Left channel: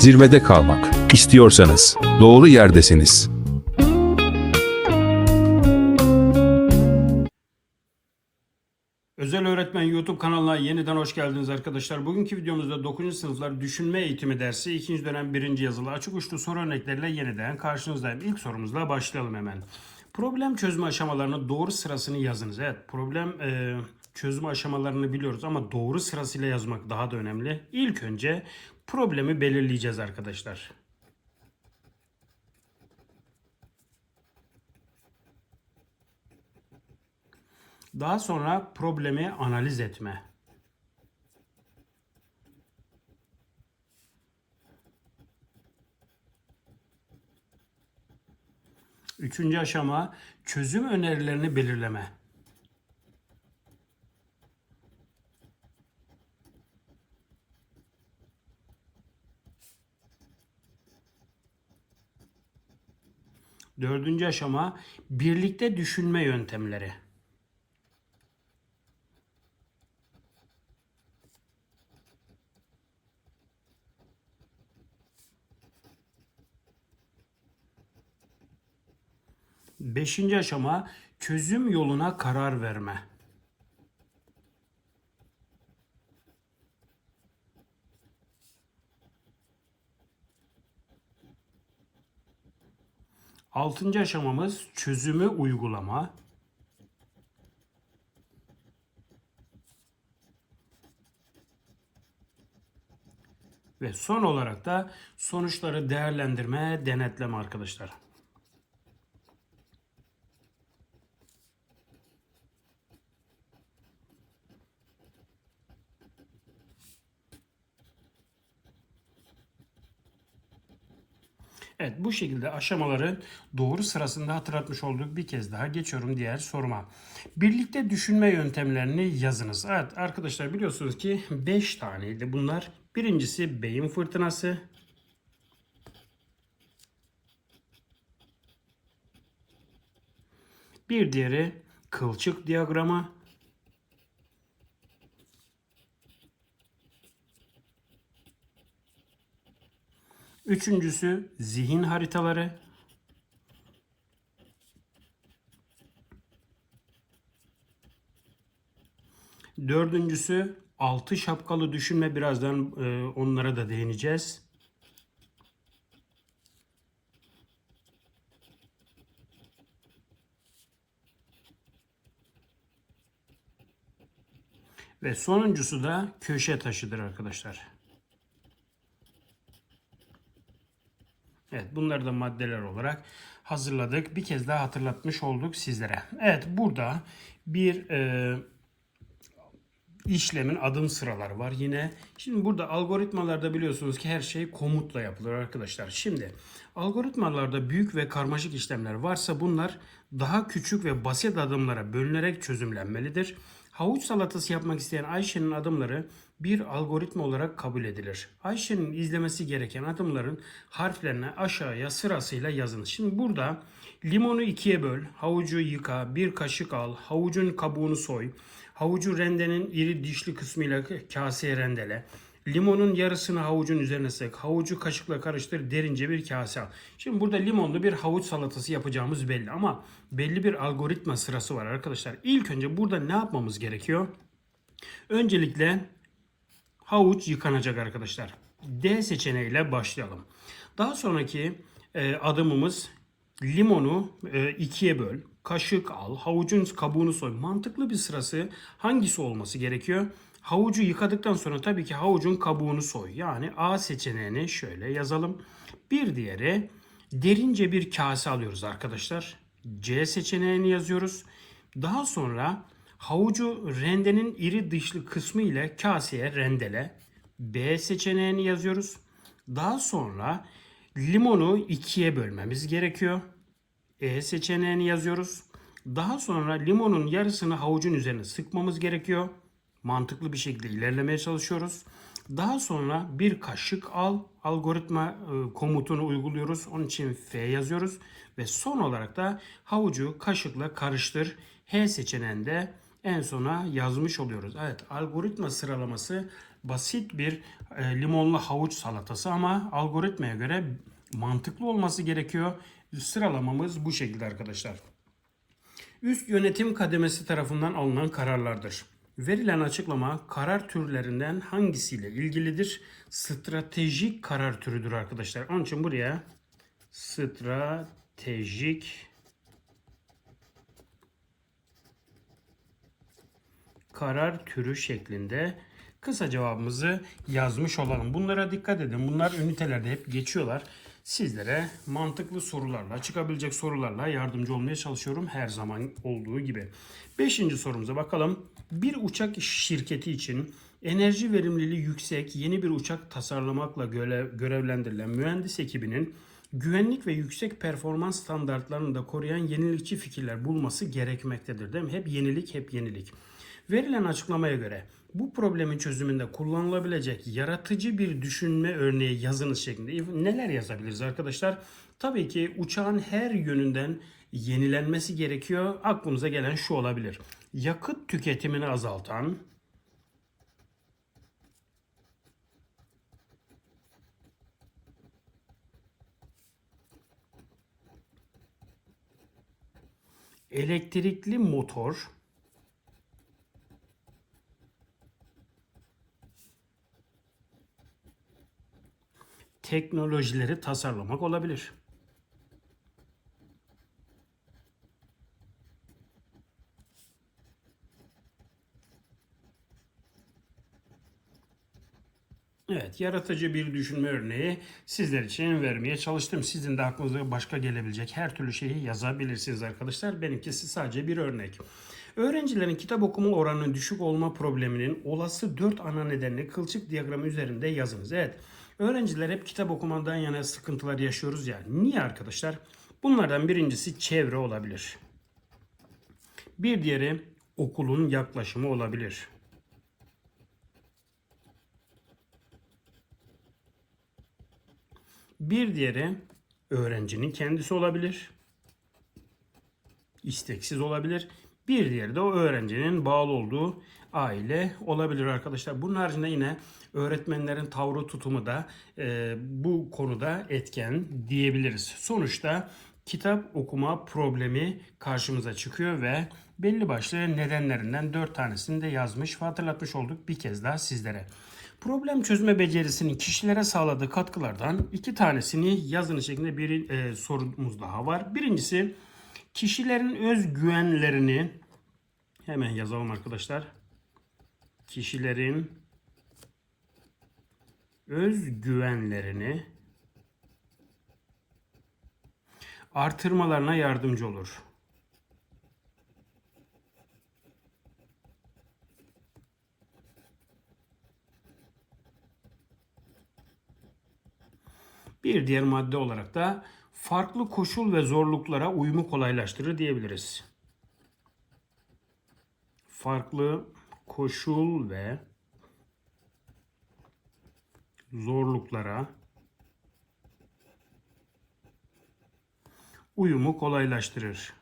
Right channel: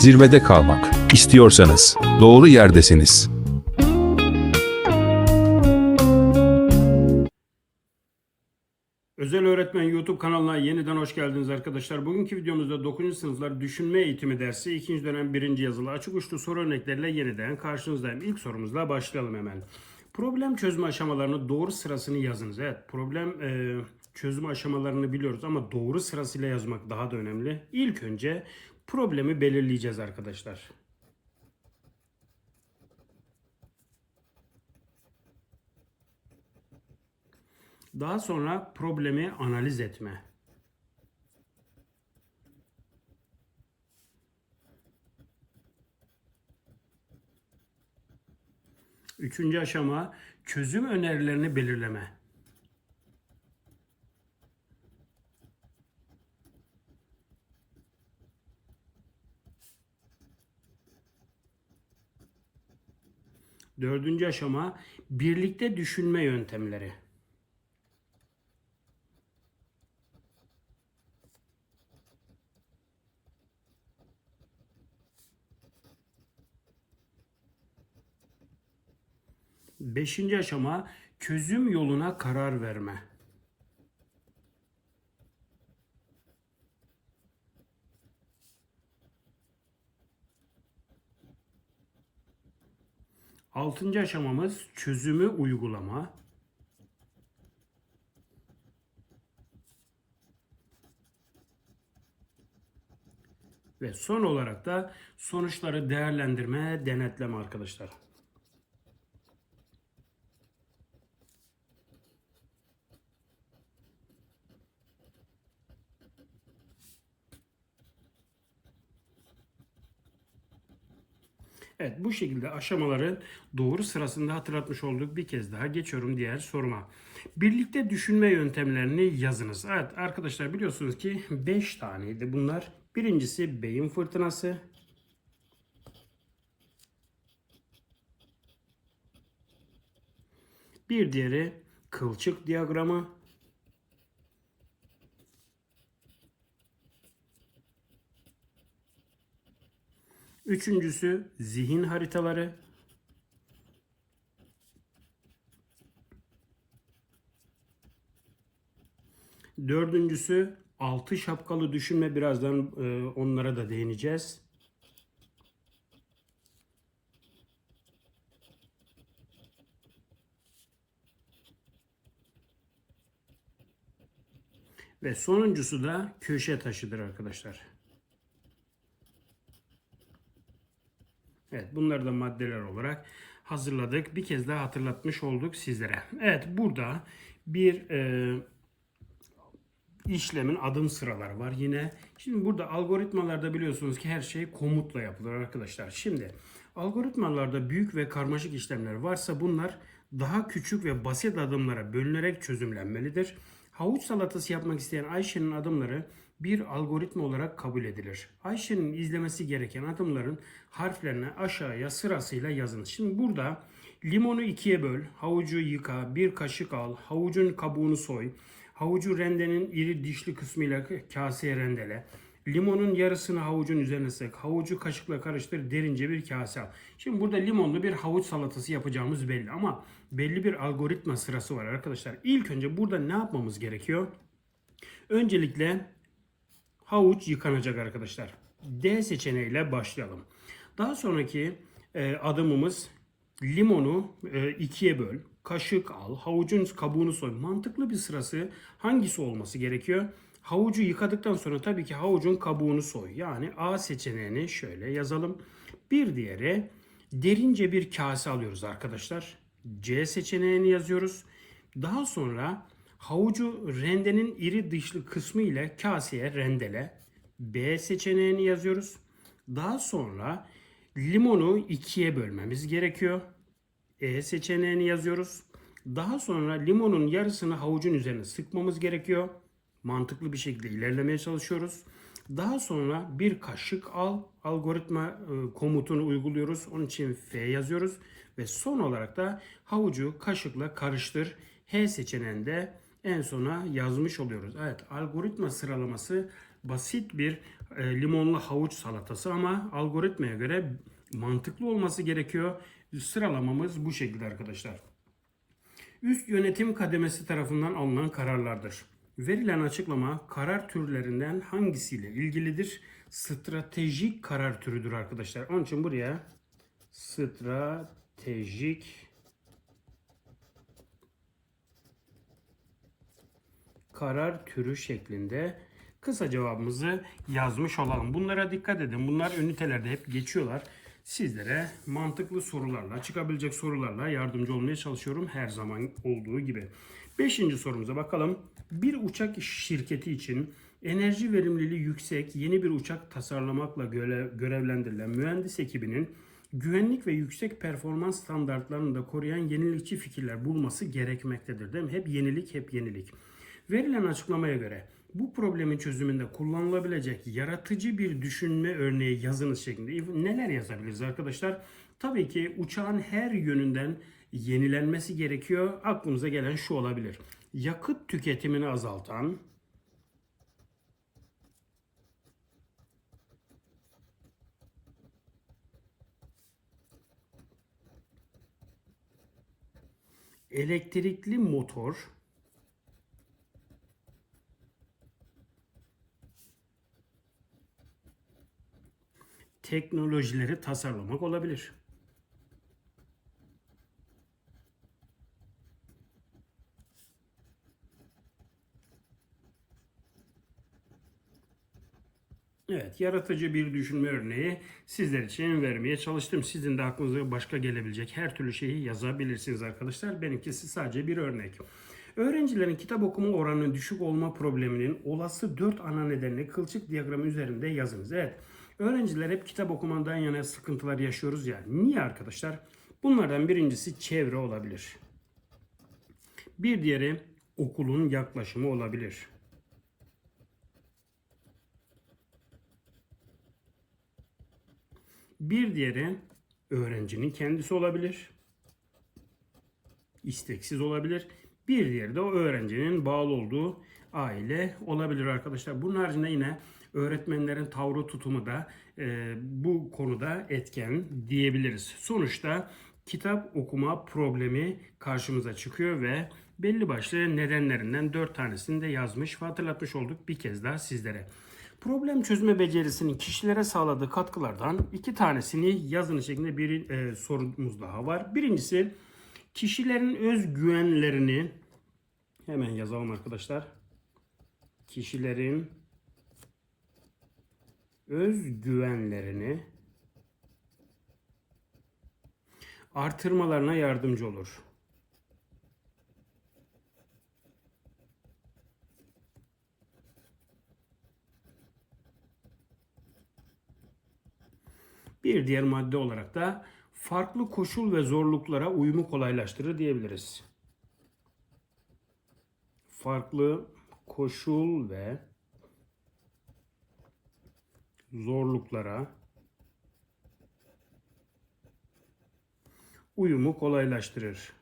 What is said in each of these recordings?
Zirvede kalmak istiyorsanız doğru yerdesiniz. Özel Öğretmen YouTube kanalına yeniden hoş geldiniz arkadaşlar. Bugünkü videomuzda 9. sınıflar düşünme eğitimi dersi 2. dönem 1. yazılı açık uçlu soru örnekleriyle yeniden karşınızdayım. İlk sorumuzla başlayalım hemen. Problem çözme aşamalarını doğru sırasını yazınız. Evet problem e, çözme aşamalarını biliyoruz ama doğru sırasıyla yazmak daha da önemli. İlk önce problemi belirleyeceğiz arkadaşlar. Daha sonra problemi analiz etme. Üçüncü aşama çözüm önerilerini belirleme. Dördüncü aşama birlikte düşünme yöntemleri. Beşinci aşama çözüm yoluna karar verme. Altıncı aşamamız çözümü uygulama. Ve son olarak da sonuçları değerlendirme, denetleme arkadaşlar. Evet bu şekilde aşamaları doğru sırasında hatırlatmış olduk. Bir kez daha geçiyorum diğer soruma. Birlikte düşünme yöntemlerini yazınız. Evet arkadaşlar biliyorsunuz ki 5 taneydi bunlar. Birincisi beyin fırtınası. Bir diğeri kılçık diyagramı. Üçüncüsü zihin haritaları. Dördüncüsü altı şapkalı düşünme. Birazdan e, onlara da değineceğiz. Ve sonuncusu da köşe taşıdır arkadaşlar. Evet bunları da maddeler olarak hazırladık. Bir kez daha hatırlatmış olduk sizlere. Evet burada bir e, işlemin adım sıraları var. Yine şimdi burada algoritmalarda biliyorsunuz ki her şey komutla yapılır arkadaşlar. Şimdi algoritmalarda büyük ve karmaşık işlemler varsa bunlar daha küçük ve basit adımlara bölünerek çözümlenmelidir. Havuç salatası yapmak isteyen Ayşe'nin adımları bir algoritma olarak kabul edilir. Ayşe'nin izlemesi gereken adımların harflerine aşağıya sırasıyla yazınız. Şimdi burada limonu ikiye böl, havucu yıka, bir kaşık al, havucun kabuğunu soy, havucu rendenin iri dişli kısmıyla kaseye rendele, limonun yarısını havucun üzerine sık, havucu kaşıkla karıştır, derince bir kase al. Şimdi burada limonlu bir havuç salatası yapacağımız belli ama belli bir algoritma sırası var arkadaşlar. İlk önce burada ne yapmamız gerekiyor? Öncelikle havuç yıkanacak arkadaşlar. D seçeneğiyle başlayalım. Daha sonraki e, adımımız limonu e, ikiye böl, kaşık al, havucun kabuğunu soy. Mantıklı bir sırası hangisi olması gerekiyor? Havucu yıkadıktan sonra tabii ki havucun kabuğunu soy. Yani A seçeneğini şöyle yazalım. Bir diğeri derince bir kase alıyoruz arkadaşlar. C seçeneğini yazıyoruz. Daha sonra havucu rendenin iri dışlı kısmı ile kaseye rendele. B seçeneğini yazıyoruz. Daha sonra limonu ikiye bölmemiz gerekiyor. E seçeneğini yazıyoruz. Daha sonra limonun yarısını havucun üzerine sıkmamız gerekiyor. Mantıklı bir şekilde ilerlemeye çalışıyoruz. Daha sonra bir kaşık al algoritma e, komutunu uyguluyoruz. Onun için F yazıyoruz ve son olarak da havucu kaşıkla karıştır. H seçeneğinde en sona yazmış oluyoruz. Evet algoritma sıralaması basit bir e, limonlu havuç salatası ama algoritmaya göre mantıklı olması gerekiyor. Sıralamamız bu şekilde arkadaşlar. Üst yönetim kademesi tarafından alınan kararlardır. Verilen açıklama karar türlerinden hangisiyle ilgilidir? Stratejik karar türüdür arkadaşlar. Onun için buraya stratejik karar türü şeklinde kısa cevabımızı yazmış olalım. Bunlara dikkat edin. Bunlar ünitelerde hep geçiyorlar. Sizlere mantıklı sorularla, çıkabilecek sorularla yardımcı olmaya çalışıyorum her zaman olduğu gibi. Beşinci sorumuza bakalım. Bir uçak şirketi için enerji verimliliği yüksek yeni bir uçak tasarlamakla görev- görevlendirilen mühendis ekibinin güvenlik ve yüksek performans standartlarını da koruyan yenilikçi fikirler bulması gerekmektedir. Değil mi? Hep yenilik, hep yenilik. Verilen açıklamaya göre bu problemin çözümünde kullanılabilecek yaratıcı bir düşünme örneği yazınız şeklinde neler yazabiliriz arkadaşlar? Tabii ki uçağın her yönünden yenilenmesi gerekiyor. Aklımıza gelen şu olabilir. Yakıt tüketimini azaltan, elektrikli motor, teknolojileri tasarlamak olabilir. Evet, yaratıcı bir düşünme örneği sizler için vermeye çalıştım. Sizin de aklınıza başka gelebilecek her türlü şeyi yazabilirsiniz arkadaşlar. Benimkisi sadece bir örnek. Öğrencilerin kitap okuma oranının düşük olma probleminin olası 4 ana nedenini kılçık diyagramı üzerinde yazınız. Evet, öğrenciler hep kitap okumadan yana sıkıntılar yaşıyoruz ya. Niye arkadaşlar? Bunlardan birincisi çevre olabilir. Bir diğeri okulun yaklaşımı olabilir. Bir diğeri öğrencinin kendisi olabilir. İsteksiz olabilir. Bir diğeri de o öğrencinin bağlı olduğu aile olabilir arkadaşlar. Bunun haricinde yine öğretmenlerin tavrı tutumu da e, bu konuda etken diyebiliriz. Sonuçta kitap okuma problemi karşımıza çıkıyor ve belli başlı nedenlerinden dört tanesini de yazmış ve hatırlatmış olduk bir kez daha sizlere. Problem çözme becerisinin kişilere sağladığı katkılardan iki tanesini yazılı şeklinde bir e, sorumuz daha var. Birincisi kişilerin özgüvenlerini hemen yazalım arkadaşlar. Kişilerin özgüvenlerini artırmalarına yardımcı olur. Bir diğer madde olarak da farklı koşul ve zorluklara uyumu kolaylaştırır diyebiliriz. Farklı koşul ve zorluklara uyumu kolaylaştırır.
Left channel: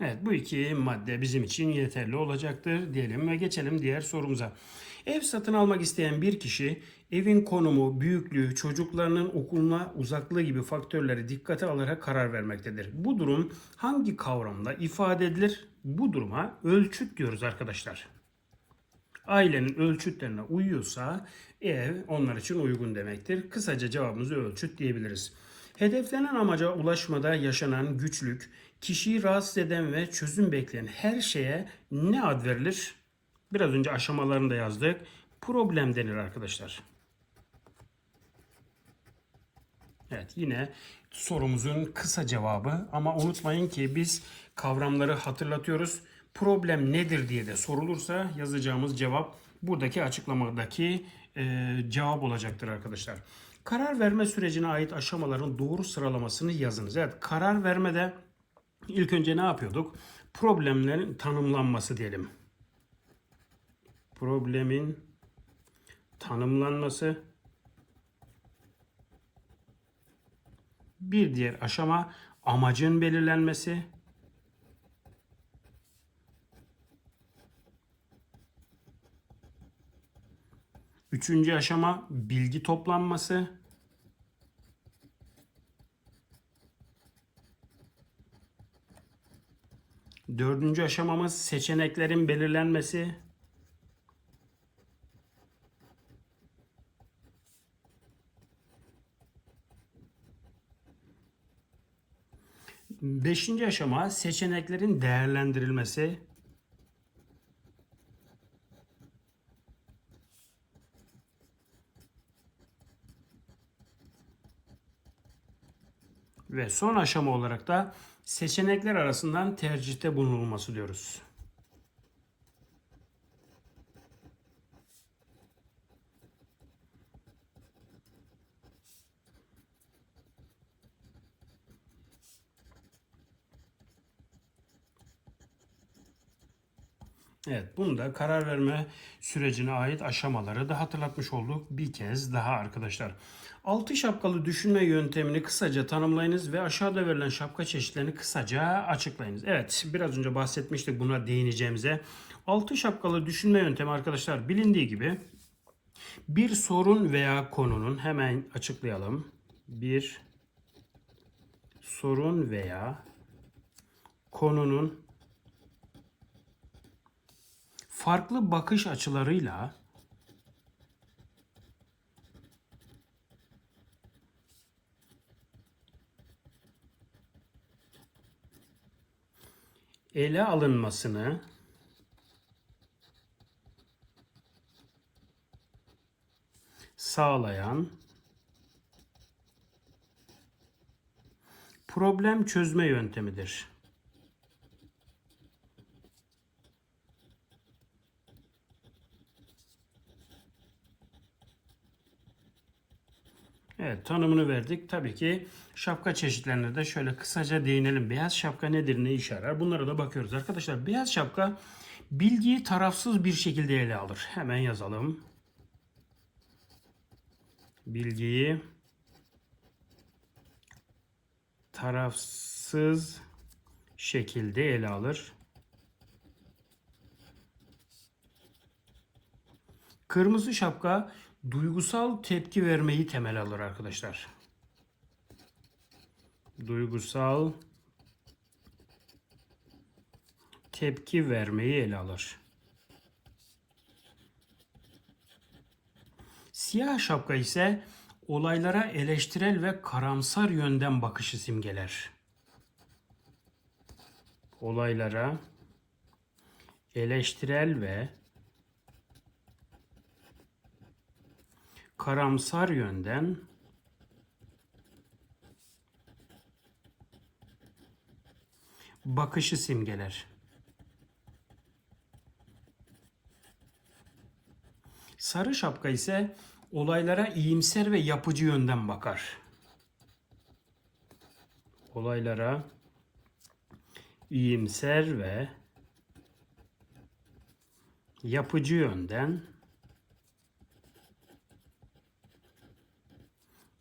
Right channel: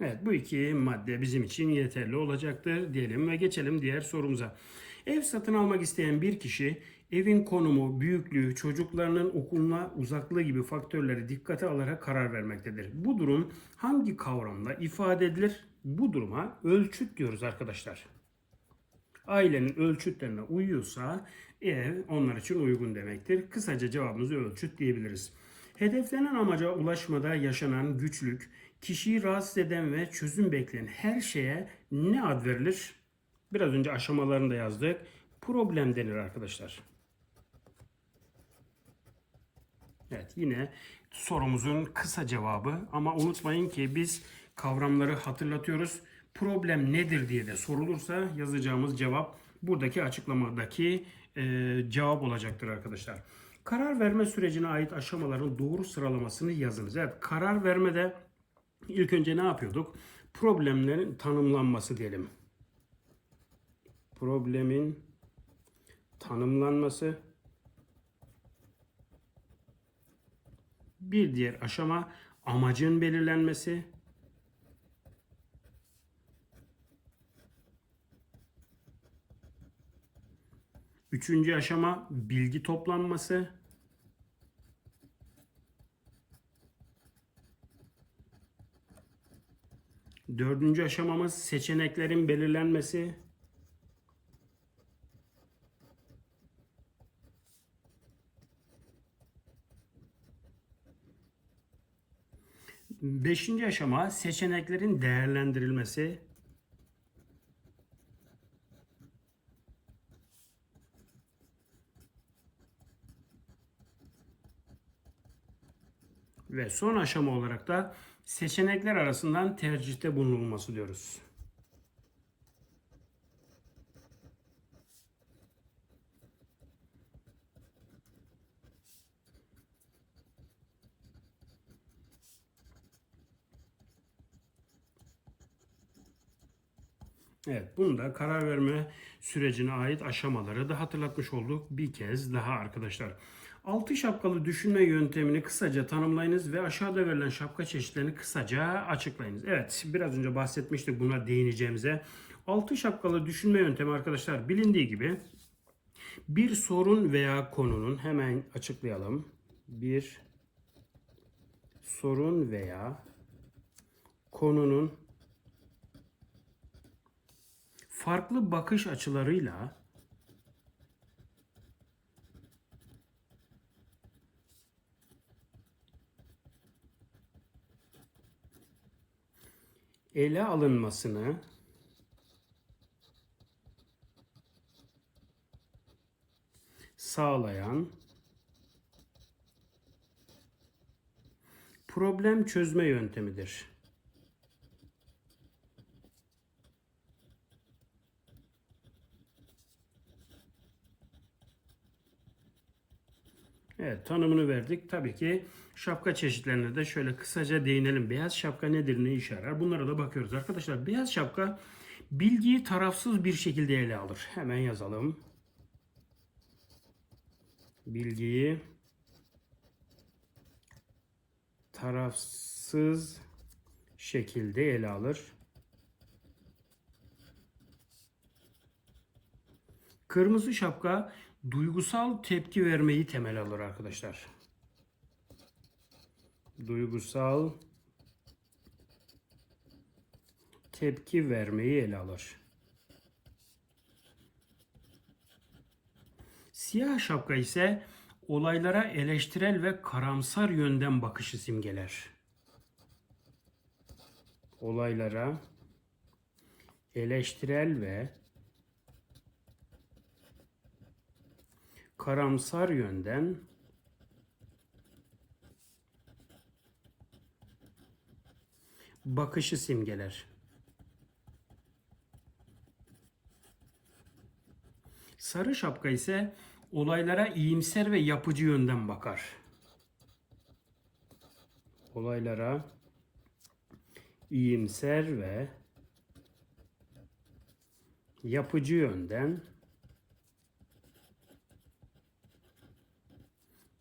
Evet bu iki madde bizim için yeterli olacaktır diyelim ve geçelim diğer sorumuza. Ev satın almak isteyen bir kişi evin konumu, büyüklüğü, çocuklarının okuluna uzaklığı gibi faktörleri dikkate alarak karar vermektedir. Bu durum hangi kavramla ifade edilir? Bu duruma ölçüt diyoruz arkadaşlar. Ailenin ölçütlerine uyuyorsa ev onlar için uygun demektir. Kısaca cevabımızı ölçüt diyebiliriz. Hedeflenen amaca ulaşmada yaşanan güçlük, kişiyi rahatsız eden ve çözüm bekleyen her şeye ne ad verilir? Biraz önce aşamalarını da yazdık. Problem denir arkadaşlar. Evet yine sorumuzun kısa cevabı ama unutmayın ki biz kavramları hatırlatıyoruz. Problem nedir diye de sorulursa yazacağımız cevap buradaki açıklamadaki e, cevap olacaktır arkadaşlar. Karar verme sürecine ait aşamaların doğru sıralamasını yazınız. Evet karar vermede ilk önce ne yapıyorduk? Problemlerin tanımlanması diyelim. Problemin tanımlanması Bir diğer aşama amacın belirlenmesi. Üçüncü aşama bilgi toplanması. Dördüncü aşamamız seçeneklerin belirlenmesi. Beşinci aşama seçeneklerin değerlendirilmesi. Ve son aşama olarak da seçenekler arasından tercihte bulunulması diyoruz. Evet, bunu da karar verme sürecine ait aşamaları da hatırlatmış olduk bir kez daha arkadaşlar. Altı şapkalı düşünme yöntemini kısaca tanımlayınız ve aşağıda verilen şapka çeşitlerini kısaca açıklayınız. Evet, biraz önce bahsetmiştik buna değineceğimize. Altı şapkalı düşünme yöntemi arkadaşlar bilindiği gibi bir sorun veya konunun hemen açıklayalım. Bir sorun veya konunun farklı bakış açılarıyla ele alınmasını sağlayan problem çözme yöntemidir. Evet tanımını verdik. Tabii ki şapka çeşitlerine de şöyle kısaca değinelim. Beyaz şapka nedir, ne işe yarar? Bunlara da bakıyoruz arkadaşlar. Beyaz şapka bilgiyi tarafsız bir şekilde ele alır. Hemen yazalım. Bilgiyi tarafsız şekilde ele alır. Kırmızı şapka duygusal tepki vermeyi temel alır arkadaşlar. Duygusal tepki vermeyi ele alır. Siyah şapka ise olaylara eleştirel ve karamsar yönden bakışı simgeler. Olaylara eleştirel ve karamsar yönden bakışı simgeler. Sarı şapka ise olaylara iyimser ve yapıcı yönden bakar. Olaylara iyimser ve yapıcı yönden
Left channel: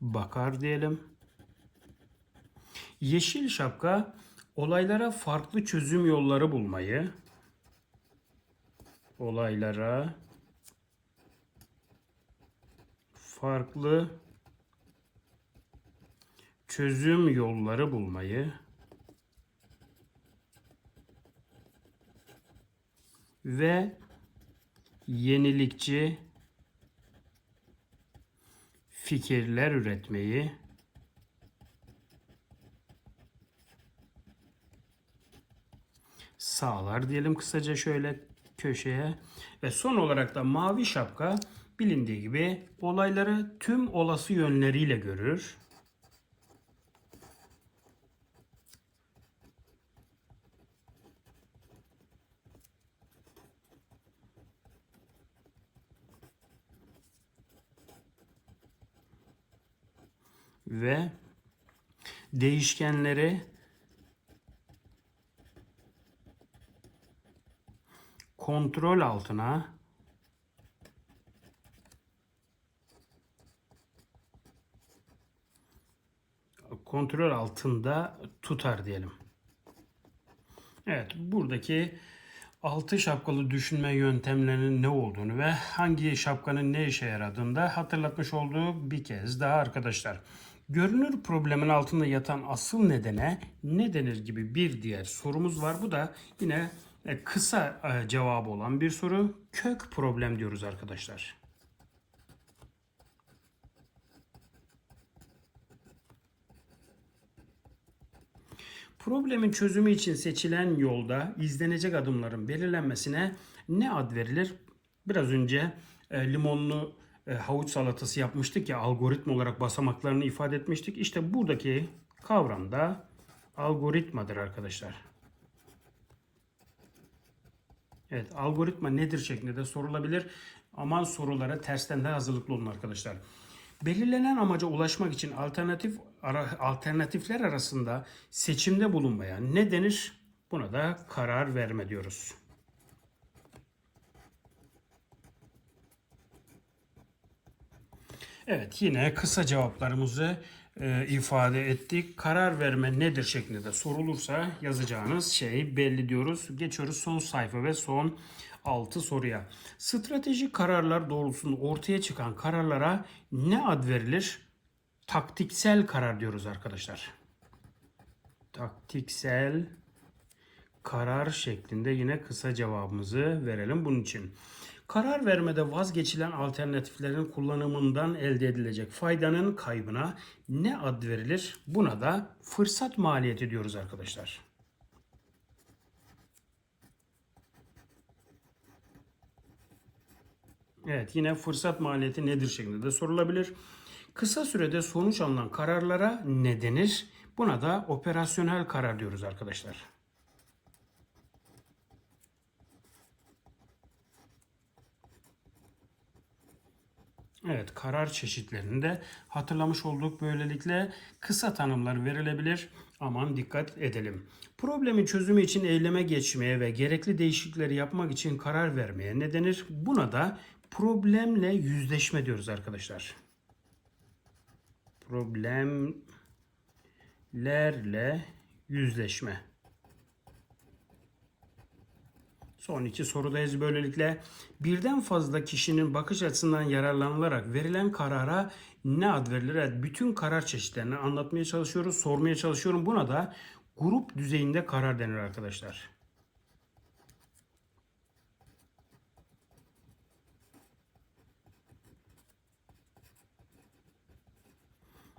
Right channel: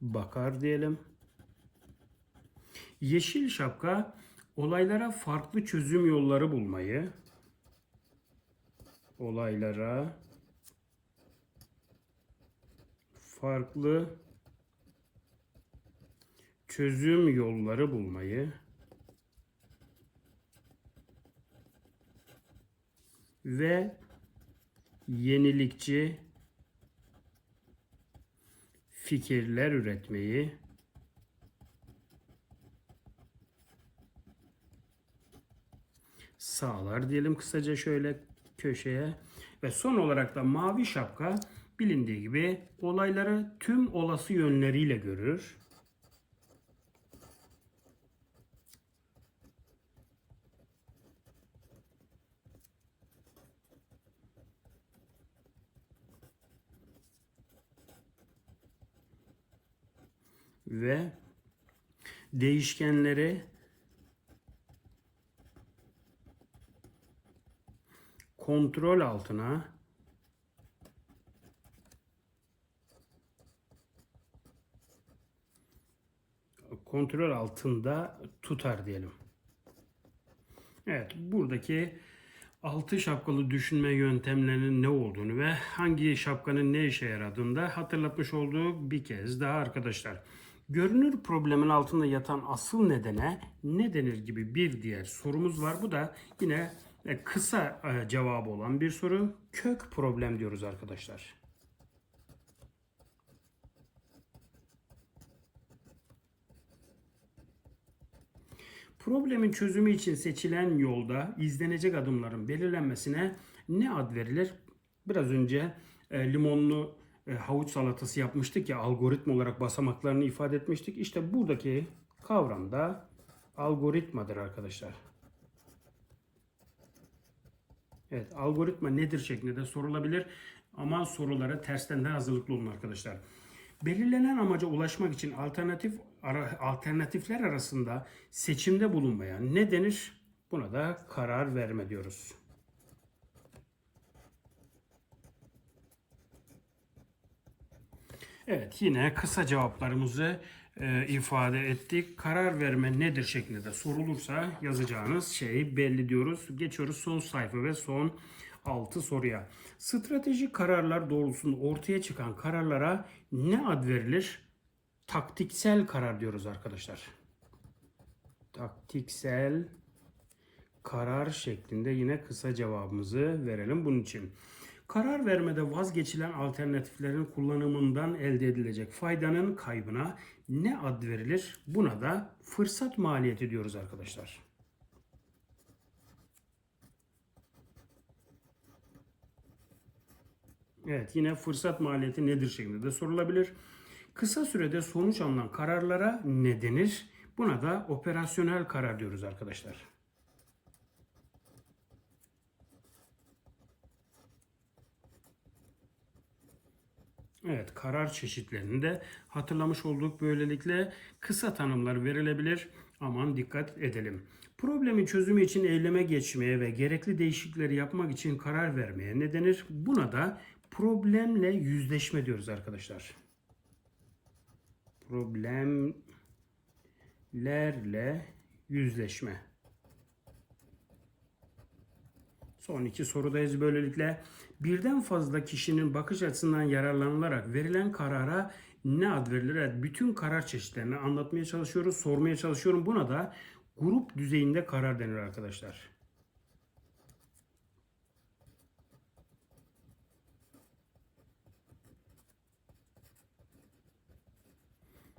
bakar diyelim. Yeşil şapka olaylara farklı çözüm yolları bulmayı, olaylara farklı çözüm yolları bulmayı ve yenilikçi fikirler üretmeyi sağlar diyelim kısaca şöyle köşeye. Ve son olarak da mavi şapka bilindiği gibi olayları tüm olası yönleriyle görür. Ve değişkenleri kontrol altına kontrol altında tutar diyelim. Evet buradaki altı şapkalı düşünme yöntemlerinin ne olduğunu ve hangi şapkanın ne işe yaradığını da hatırlatmış olduğu bir kez daha arkadaşlar. Görünür problemin altında yatan asıl nedene ne denir gibi bir diğer sorumuz var. Bu da yine e, kısa e, cevabı olan bir soru. Kök problem diyoruz arkadaşlar. Problemin çözümü için seçilen yolda izlenecek adımların belirlenmesine ne ad verilir? Biraz önce e, limonlu havuç salatası yapmıştık ya algoritma olarak basamaklarını ifade etmiştik. İşte buradaki kavram da algoritmadır arkadaşlar. Evet algoritma nedir şeklinde de sorulabilir. Ama sorulara tersten de hazırlıklı olun arkadaşlar. Belirlenen amaca ulaşmak için alternatif ara- alternatifler arasında seçimde bulunmaya ne denir? Buna da karar verme diyoruz. Evet yine kısa cevaplarımızı e, ifade ettik. Karar verme nedir şeklinde de sorulursa yazacağınız şey belli diyoruz. Geçiyoruz son sayfa ve son 6 soruya. Stratejik kararlar doğrultusunda ortaya çıkan kararlara ne ad verilir? Taktiksel karar diyoruz arkadaşlar. Taktiksel karar şeklinde yine kısa cevabımızı verelim bunun için. Karar vermede vazgeçilen alternatiflerin kullanımından elde edilecek faydanın kaybına ne ad verilir? Buna da fırsat maliyeti diyoruz arkadaşlar. Evet yine fırsat maliyeti nedir şeklinde de sorulabilir. Kısa sürede sonuç alınan kararlara ne denir? Buna da operasyonel karar diyoruz arkadaşlar. Evet, karar çeşitlerini de hatırlamış olduk. Böylelikle kısa tanımlar verilebilir. Aman dikkat edelim. Problemin çözümü için eyleme geçmeye ve gerekli değişiklikleri yapmak için karar vermeye ne denir? Buna da problemle yüzleşme diyoruz arkadaşlar. Problemlerle yüzleşme. Son iki sorudayız böylelikle. Birden fazla kişinin bakış açısından yararlanılarak verilen karara ne ad verilir? Evet, bütün karar çeşitlerini anlatmaya çalışıyoruz, sormaya çalışıyorum. Buna da grup düzeyinde karar denir arkadaşlar.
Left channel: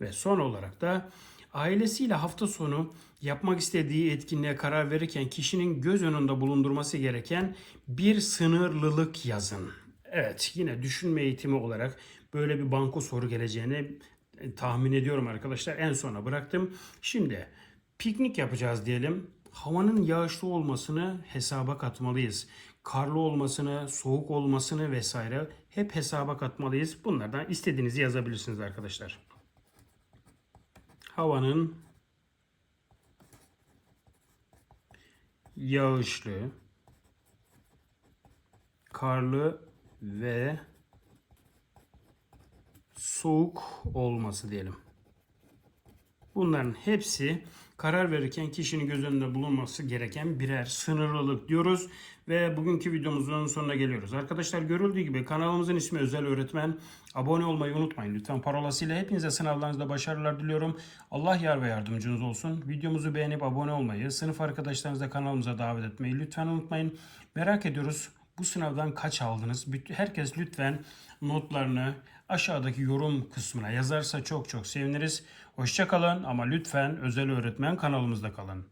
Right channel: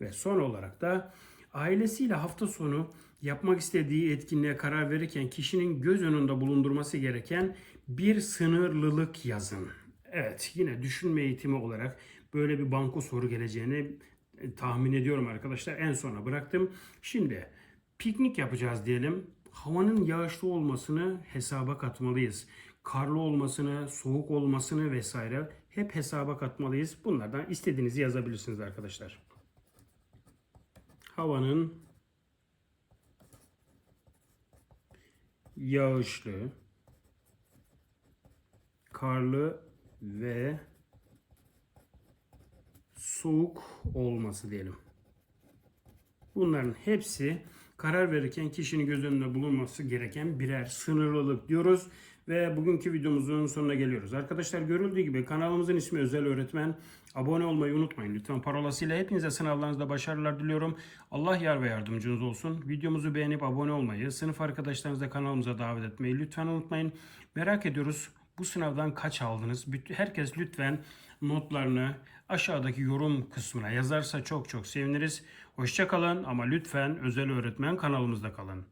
Ve son olarak da ailesiyle hafta sonu yapmak istediği etkinliğe karar verirken kişinin göz önünde bulundurması gereken bir sınırlılık yazın. Evet yine düşünme eğitimi olarak böyle bir banko soru geleceğini e, tahmin ediyorum arkadaşlar. En sona bıraktım. Şimdi piknik yapacağız diyelim. Havanın yağışlı olmasını hesaba katmalıyız. Karlı olmasını, soğuk olmasını vesaire hep hesaba katmalıyız. Bunlardan istediğinizi yazabilirsiniz arkadaşlar havanın yağışlı, karlı ve soğuk olması diyelim. Bunların hepsi karar verirken kişinin göz önünde bulunması gereken birer sınırlılık diyoruz. Ve bugünkü videomuzun sonuna geliyoruz. Arkadaşlar görüldüğü gibi kanalımızın ismi Özel Öğretmen. Abone olmayı unutmayın lütfen. Parolasıyla hepinize sınavlarınızda başarılar diliyorum. Allah yar ve yardımcınız olsun. Videomuzu beğenip abone olmayı, sınıf arkadaşlarınızı kanalımıza davet etmeyi lütfen unutmayın. Merak ediyoruz bu sınavdan kaç aldınız? Herkes lütfen notlarını aşağıdaki yorum kısmına yazarsa çok çok seviniriz. Hoşçakalın ama lütfen özel öğretmen kanalımızda kalın.